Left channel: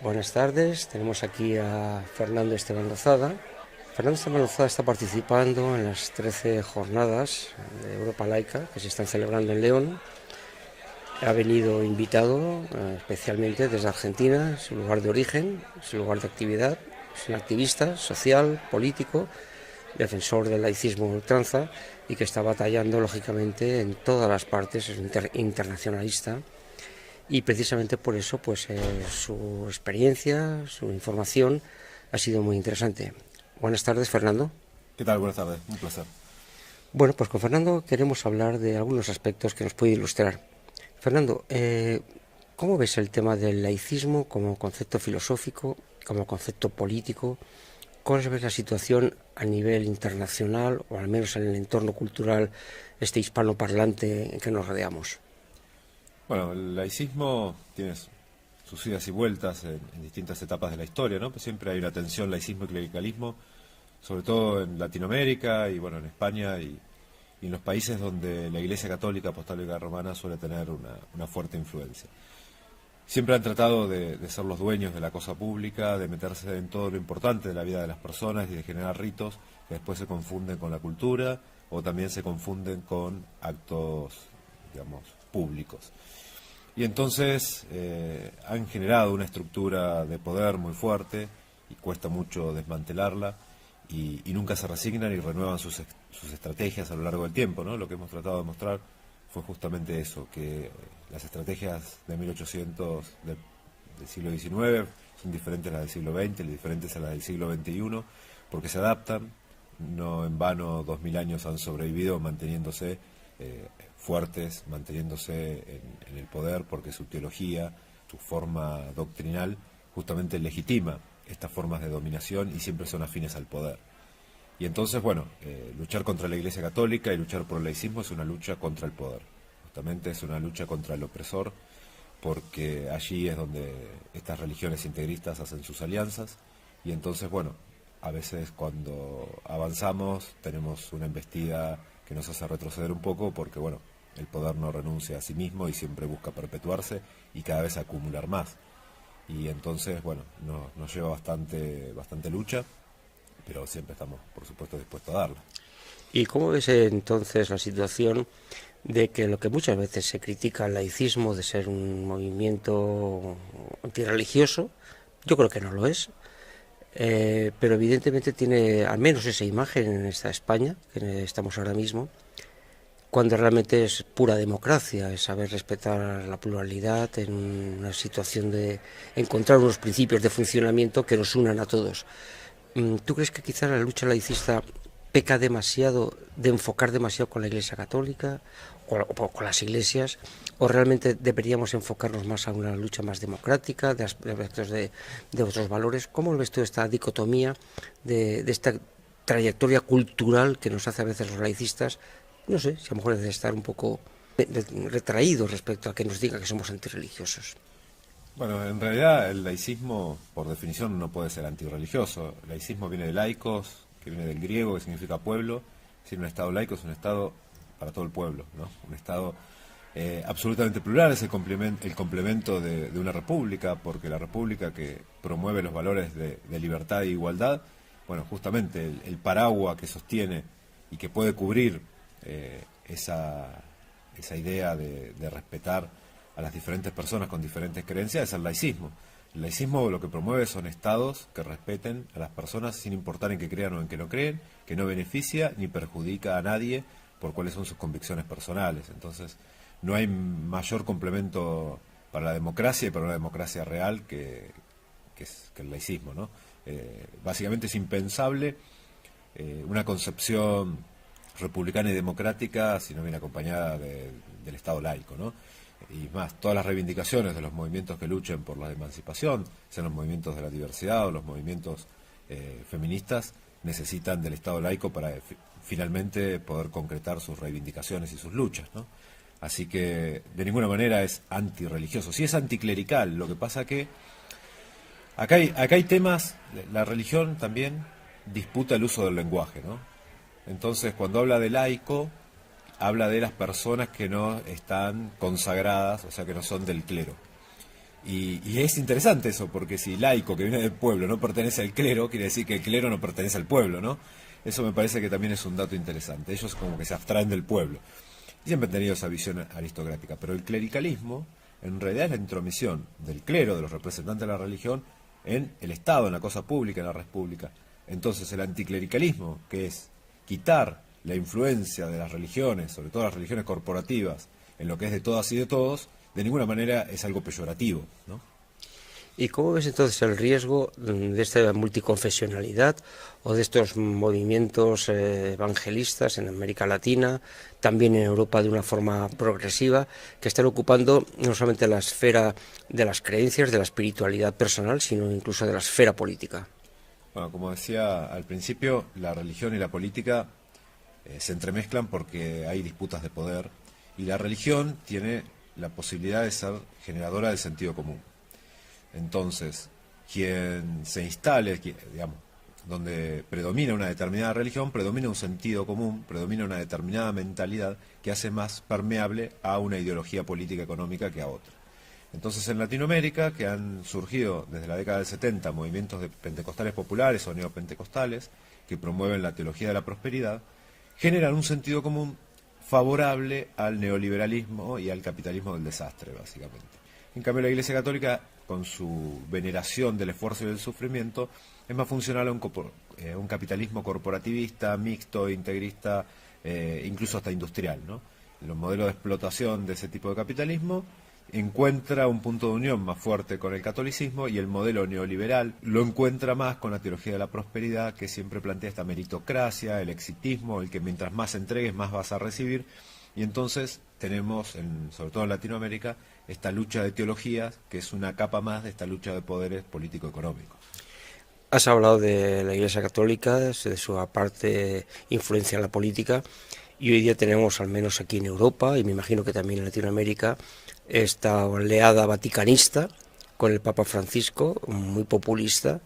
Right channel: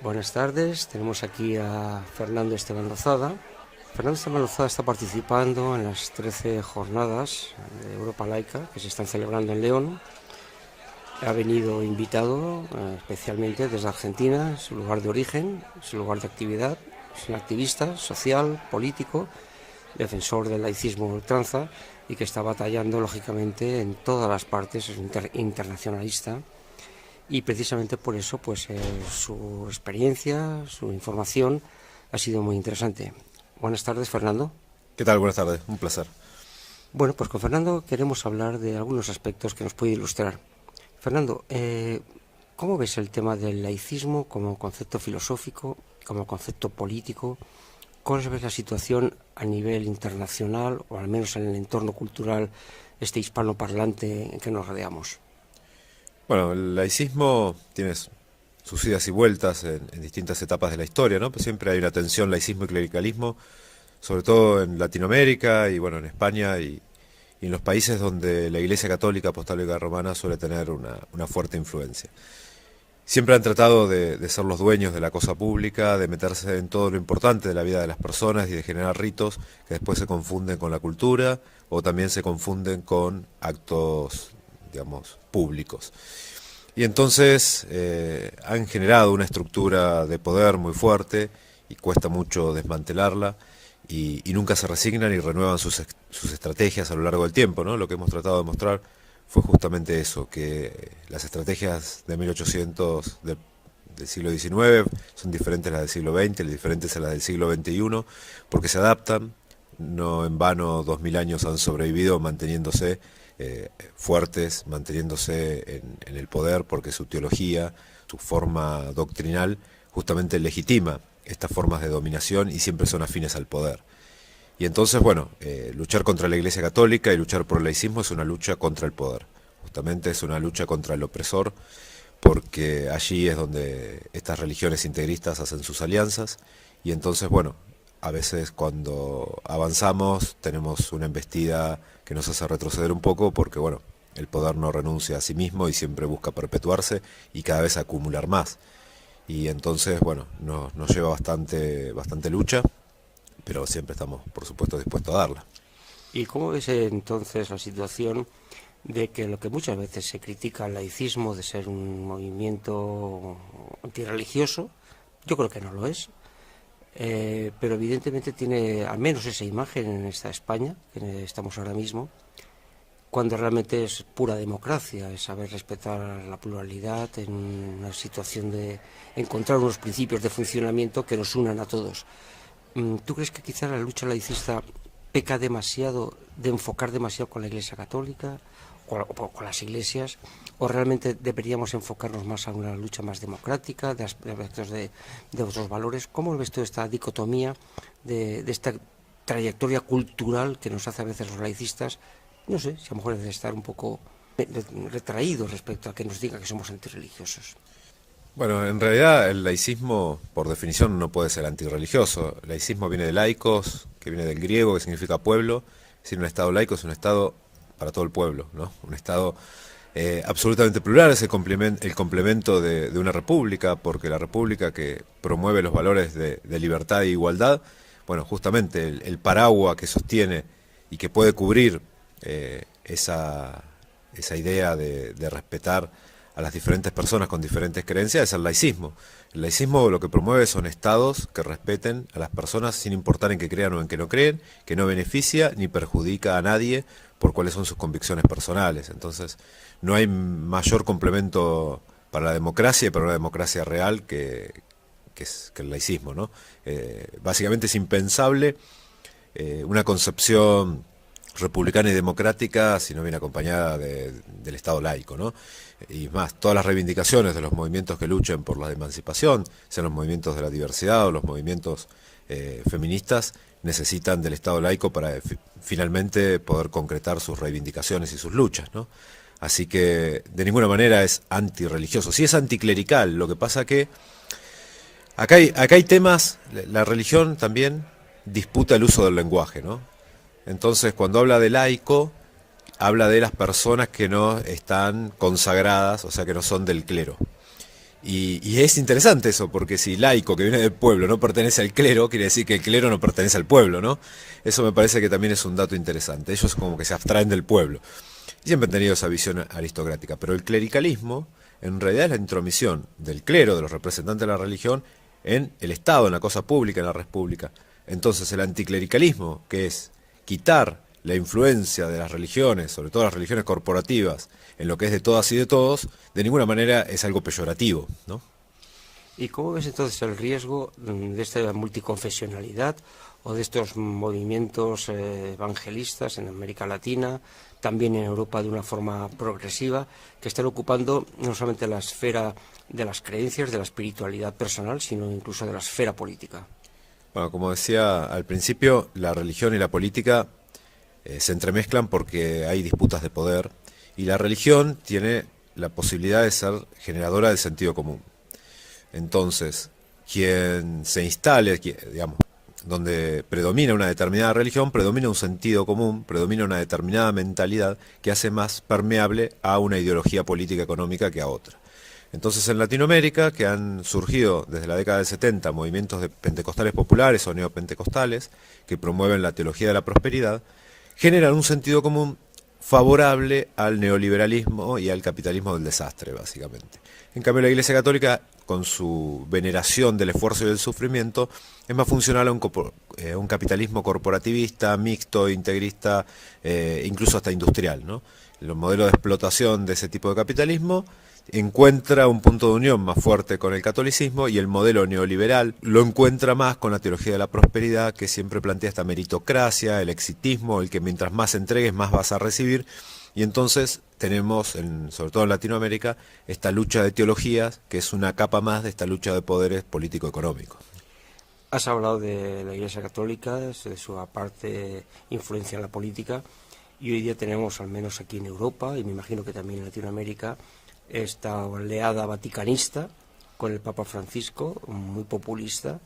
Buenas tardes, tenemos aquí a Fernando Esteban Lozada. Fernando Esteban Lozada está participando en las 13 jornadas de Europa Laica que se están celebrando en León. Ha venido invitado especialmente desde Argentina, su lugar de origen, su lugar de actividad. Es un activista social, político, defensor del laicismo a ultranza y que está batallando lógicamente en todas las partes, es un internacionalista. Y precisamente por eso su experiencia, su información ha sido muy interesante. Buenas tardes, Fernando. ¿Qué tal? Buenas tardes, un placer. Bueno, pues con Fernando queremos hablar de algunos aspectos que nos puede ilustrar. Fernando, ¿cómo ves el tema del laicismo como concepto filosófico, como concepto político? ¿Cómo ves la situación a nivel internacional o al menos en el entorno cultural hispanoparlante en que nos rodeamos? Bueno, el laicismo tiene sus idas y vueltas en distintas etapas de la historia, ¿no? Pues siempre hay una tensión laicismo y clericalismo, sobre todo en Latinoamérica y bueno, en España y en los países donde la Iglesia Católica Apostólica Romana suele tener una fuerte influencia. Siempre han tratado de ser los dueños de la cosa pública, de meterse en todo lo importante de la vida de las personas y de generar ritos que después se confunden con la cultura o también se confunden con actos, digamos, públicos. Y entonces han generado una estructura de poder muy fuerte y cuesta mucho desmantelarla y nunca se resignan y renuevan sus estrategias a lo largo del tiempo, ¿no? Lo que hemos tratado de mostrar fue justamente eso, que las estrategias de 1800 del siglo XIX son diferentes a las del siglo XX, diferentes a las del siglo XXI, porque se adaptan, no en vano 2000 años han sobrevivido manteniéndose fuertes, manteniéndose en el poder, porque su teología, su forma doctrinal, justamente legitima estas formas de dominación y siempre son afines al poder. Y entonces, bueno, luchar contra la Iglesia Católica y luchar por el laicismo es una lucha contra el poder. Justamente es una lucha contra el opresor, porque allí es donde estas religiones integristas hacen sus alianzas. Y entonces, bueno, a veces cuando avanzamos tenemos una embestida que nos hace retroceder un poco, porque, bueno, el poder no renuncia a sí mismo y siempre busca perpetuarse y cada vez acumular más. Y entonces, bueno, nos lleva bastante lucha, pero siempre estamos, por supuesto, dispuestos a darla. ¿Y cómo ves entonces la situación de que lo que muchas veces se critica al laicismo de ser un movimiento antirreligioso, yo creo que no lo es, pero evidentemente tiene al menos esa imagen en esta España, que estamos ahora mismo, cuando realmente es pura democracia, es saber respetar la pluralidad en una situación de encontrar unos principios de funcionamiento que nos unan a todos. ¿Tú crees que quizás la lucha laicista peca demasiado de enfocar demasiado con la Iglesia Católica o con las iglesias, o realmente deberíamos enfocarnos más a una lucha más democrática, de aspectos de otros valores? ¿Cómo ves tú esta dicotomía de esta trayectoria cultural que nos hace a veces los laicistas? No sé, si a lo mejor es de estar un poco retraídos respecto a que nos diga que somos antirreligiosos. Bueno, en realidad el laicismo, por definición, no puede ser antirreligioso. El laicismo viene de laicos, que viene del griego, que significa pueblo. Es decir, un estado laico es un estado para todo el pueblo, ¿no? Un estado absolutamente plural, es el complemento de una república, porque la república que promueve los valores de libertad e igualdad, bueno, justamente el paraguas que sostiene y que puede cubrir esa idea de respetar a las diferentes personas con diferentes creencias es el laicismo. El laicismo lo que promueve son estados que respeten a las personas sin importar en qué crean o en qué no creen, que no beneficia ni perjudica a nadie por cuáles son sus convicciones personales. Entonces, no hay mayor complemento para la democracia y para una democracia real que el laicismo, ¿no? Básicamente es impensable una concepción republicana y democrática si no viene acompañada del Estado laico, ¿no? Y más, todas las reivindicaciones de los movimientos que luchen por la emancipación, sean los movimientos de la diversidad o los movimientos feministas, necesitan del Estado laico para finalmente poder concretar sus reivindicaciones y sus luchas, ¿no? Así que de ninguna manera es antirreligioso. Sí es anticlerical, lo que pasa que acá hay temas, la religión también disputa el uso del lenguaje, ¿no? Entonces, cuando habla de laico, habla de las personas que no están consagradas, o sea, que no son del clero. Y es interesante eso, porque si laico que viene del pueblo no pertenece al clero, quiere decir que el clero no pertenece al pueblo, ¿no? Eso me parece que también es un dato interesante. Ellos como que se abstraen del pueblo. Y siempre han tenido esa visión aristocrática. Pero el clericalismo, en realidad, es la intromisión del clero, de los representantes de la religión, en el Estado, en la cosa pública, en la red pública. Entonces el anticlericalismo, que es quitar la influencia de las religiones, sobre todo las religiones corporativas, en lo que es de todas y de todos, de ninguna manera es algo peyorativo, ¿no? ¿Y cómo ves entonces el riesgo de esta multiconfesionalidad o de estos movimientos evangelistas en América Latina, también en Europa de una forma progresiva, que están ocupando no solamente la esfera de las creencias, de la espiritualidad personal, sino incluso de la esfera política? Bueno, como decía al principio, la religión y la política se entremezclan porque hay disputas de poder y la religión tiene la posibilidad de ser generadora del sentido común. Entonces, quien se instale, digamos, donde predomina una determinada religión, predomina un sentido común, predomina una determinada mentalidad que hace más permeable a una ideología política económica que a otra. Entonces en Latinoamérica, que han surgido desde la década del 70 movimientos de pentecostales populares o neopentecostales que promueven la teología de la prosperidad, generan un sentido común favorable al neoliberalismo y al capitalismo del desastre, básicamente. En cambio, la Iglesia Católica, con su veneración del esfuerzo y del sufrimiento, es más funcional a un capitalismo corporativista, mixto, integrista, incluso hasta industrial, ¿no? El modelo de explotación de ese tipo de capitalismo encuentra un punto de unión más fuerte con el catolicismo y el modelo neoliberal lo encuentra más con la teología de la prosperidad, que siempre plantea esta meritocracia, el exitismo, el que mientras más entregues más vas a recibir. Y entonces tenemos, sobre todo en Latinoamérica, esta lucha de teologías, que es una capa más de esta lucha de poderes político-económicos. Has hablado de la Iglesia Católica, de su aparte influencia en la política, y hoy día tenemos, al menos aquí en Europa, y me imagino que también en Latinoamérica, esta oleada vaticanista con el Papa Francisco, muy populista,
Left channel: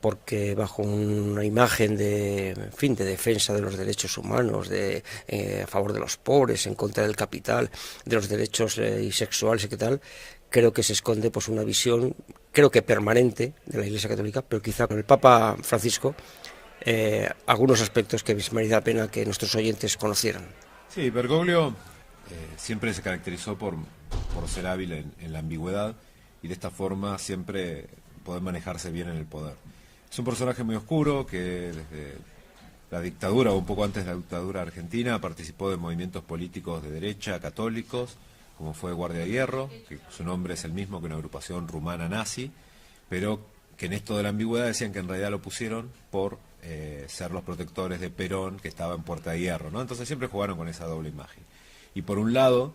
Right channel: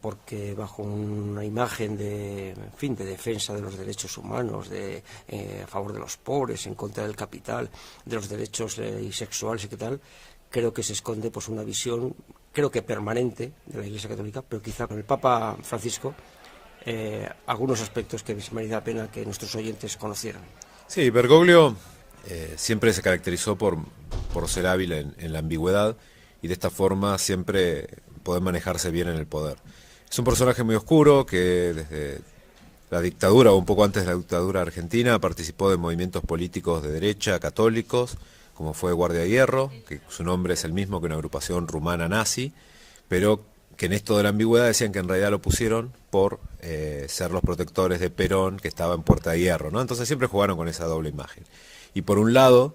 porque bajo una imagen de, en fin, de defensa de los derechos humanos, a favor de los pobres, en contra del capital, de los derechos y sexuales y qué tal, creo que se esconde pues una visión, creo que permanente, de la Iglesia Católica, pero quizá con el Papa Francisco algunos aspectos que me merece la pena que nuestros oyentes conocieran. Sí, Bergoglio siempre se caracterizó por ser hábil en la ambigüedad y de esta forma siempre poder manejarse bien en el poder. Es un personaje muy oscuro que desde la dictadura o un poco antes de la dictadura argentina participó de movimientos políticos de derecha, católicos, como fue Guardia de Hierro, que su nombre es el mismo que una agrupación rumana nazi, pero que en esto de la ambigüedad decían que en realidad lo pusieron por ser los protectores de Perón, que estaba en Puerta de Hierro, ¿no? Entonces siempre jugaron con esa doble imagen. Y por un lado,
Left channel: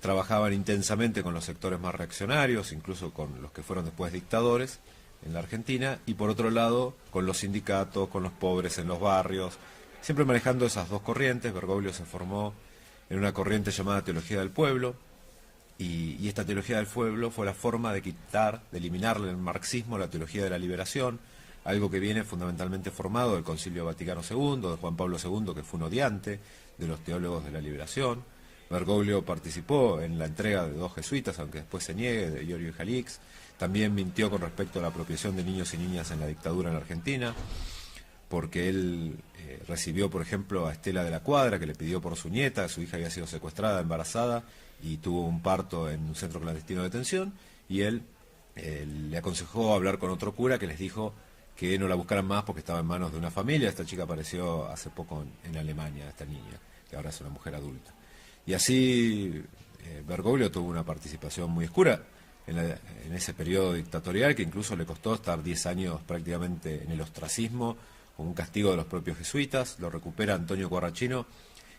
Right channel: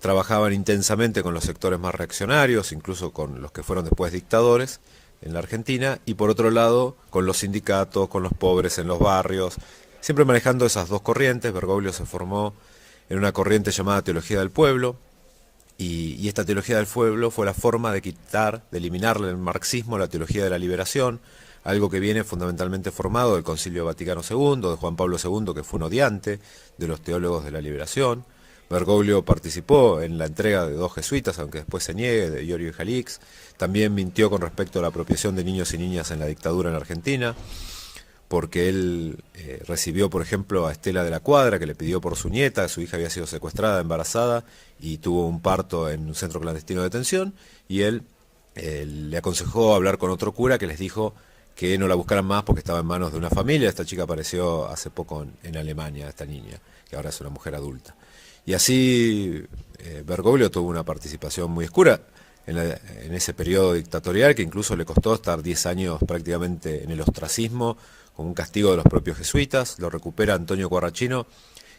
trabajaban intensamente con los sectores más reaccionarios, incluso con los que fueron después dictadores en la Argentina, y por otro lado, con los sindicatos, con los pobres en los barrios, siempre manejando esas dos corrientes. Bergoglio se formó en una corriente llamada Teología del Pueblo, y esta Teología del Pueblo fue la forma de quitar, de eliminarle el marxismo, la teología de la liberación, algo que viene fundamentalmente formado del Concilio Vaticano II, de Juan Pablo II, que fue un odiante de los teólogos de la liberación. Bergoglio participó en la entrega de 2 jesuitas, aunque después se niegue, de Iorio y Jalix. También mintió con respecto a la apropiación de niños y niñas en la dictadura en Argentina, porque él recibió, por ejemplo, a Estela de la Cuadra, que le pidió por su nieta, su hija había sido secuestrada, embarazada, y tuvo un parto en un centro clandestino de detención, y él le aconsejó hablar con otro cura que les dijo que no la buscaran más porque estaba en manos de una familia. Esta chica apareció hace poco en Alemania, esta niña, que ahora es una mujer adulta. Y así Bergoglio tuvo una participación muy oscura en ese periodo dictatorial, que incluso le costó estar 10 años prácticamente en el ostracismo, con un castigo de los propios jesuitas. Lo recupera Antonio Corrachino,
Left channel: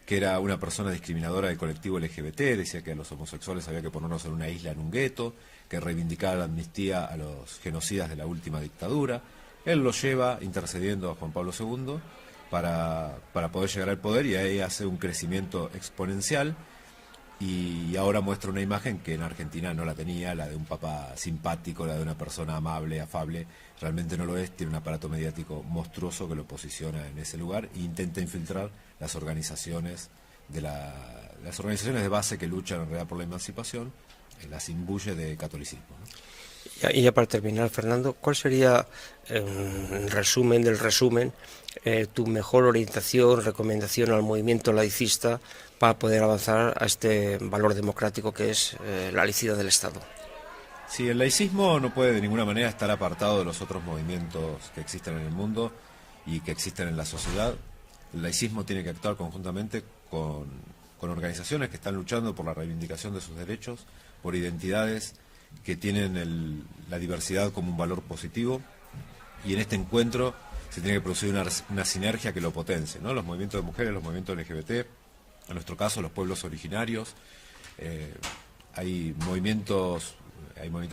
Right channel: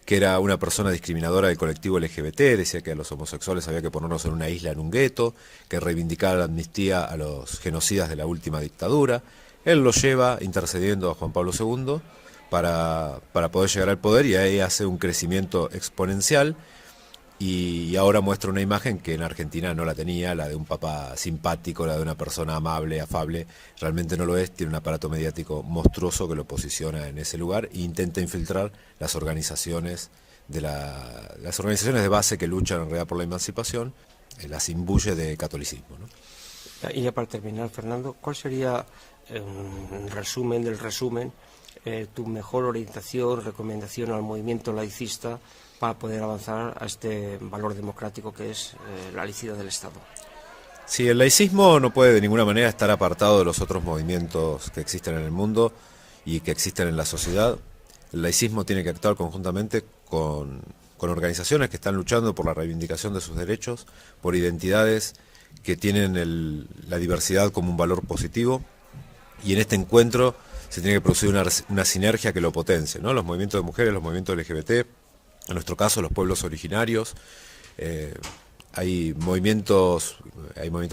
que era una persona discriminadora del colectivo LGBT, decía que a los homosexuales había que ponernos en una isla, en un gueto, que reivindicara la amnistía a los genocidas de la última dictadura. Él lo lleva intercediendo a Juan Pablo II para poder llegar al poder, y ahí hace un crecimiento exponencial, y ahora muestra una imagen que en Argentina no la tenía, la de un papa simpático, la de una persona amable, afable. Realmente no lo es, tiene un aparato mediático monstruoso que lo posiciona en ese lugar e intenta infiltrar las organizaciones de base que luchan en realidad por la emancipación, las imbuye de catolicismo, ¿no? Y ya para terminar, Fernando, ¿cuál sería, en resumen del resumen, tu mejor orientación, recomendación al movimiento laicista para poder avanzar a este valor democrático que es la laicidad del Estado? Sí, el laicismo no puede de ninguna manera estar apartado de los otros movimientos que existen en el mundo y que existen en la sociedad. El laicismo tiene que actuar conjuntamente con organizaciones que están luchando por la reivindicación de sus derechos, por identidades que tienen la diversidad como un valor positivo, y en este encuentro se tiene que producir una sinergia que lo potencie, ¿no? Los movimientos de mujeres, los movimientos LGBT, en nuestro caso los pueblos originarios, hay movimientos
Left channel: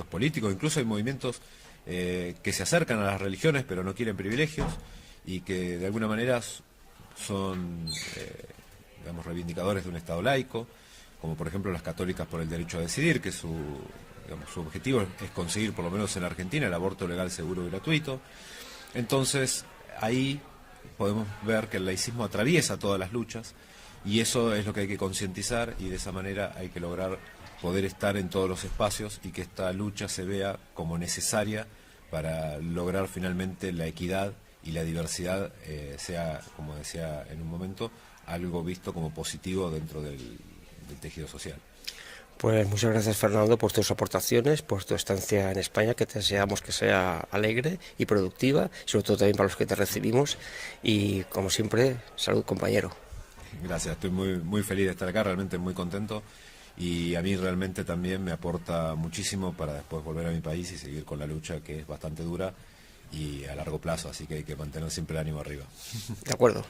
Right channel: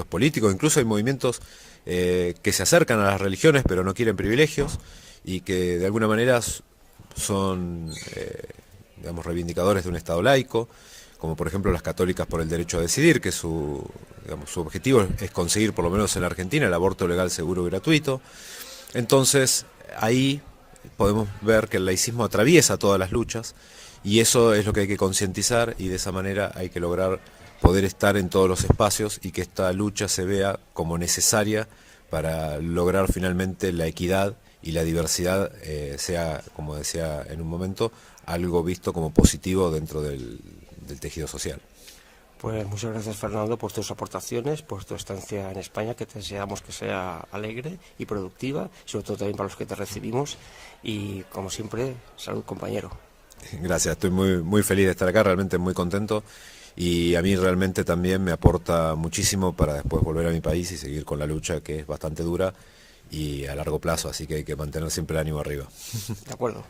políticos, incluso hay movimientos que se acercan a las religiones pero no quieren privilegios y que de alguna manera son digamos, reivindicadores de un Estado laico, como por ejemplo las católicas por el derecho a decidir, que su objetivo es conseguir, por lo menos en Argentina, el aborto legal, seguro y gratuito. Entonces ahí podemos ver que el laicismo atraviesa todas las luchas, y eso es lo que hay que concientizar, y de esa manera hay que lograr poder estar en todos los espacios y que esta lucha se vea como necesaria para lograr finalmente la equidad y la diversidad sea, como decía en un momento, algo visto como positivo dentro del tejido social. Pues muchas gracias, Fernando, por tus aportaciones, por tu estancia en España, que te deseamos que sea alegre y productiva, sobre todo también para los que te recibimos, y como siempre, salud, compañero. Gracias, estoy muy feliz de estar acá, realmente muy contento, y a mí realmente también me aporta muchísimo para después volver a mi país y seguir con la lucha, que es bastante dura y a largo plazo, así que hay que mantener siempre el ánimo arriba. De acuerdo.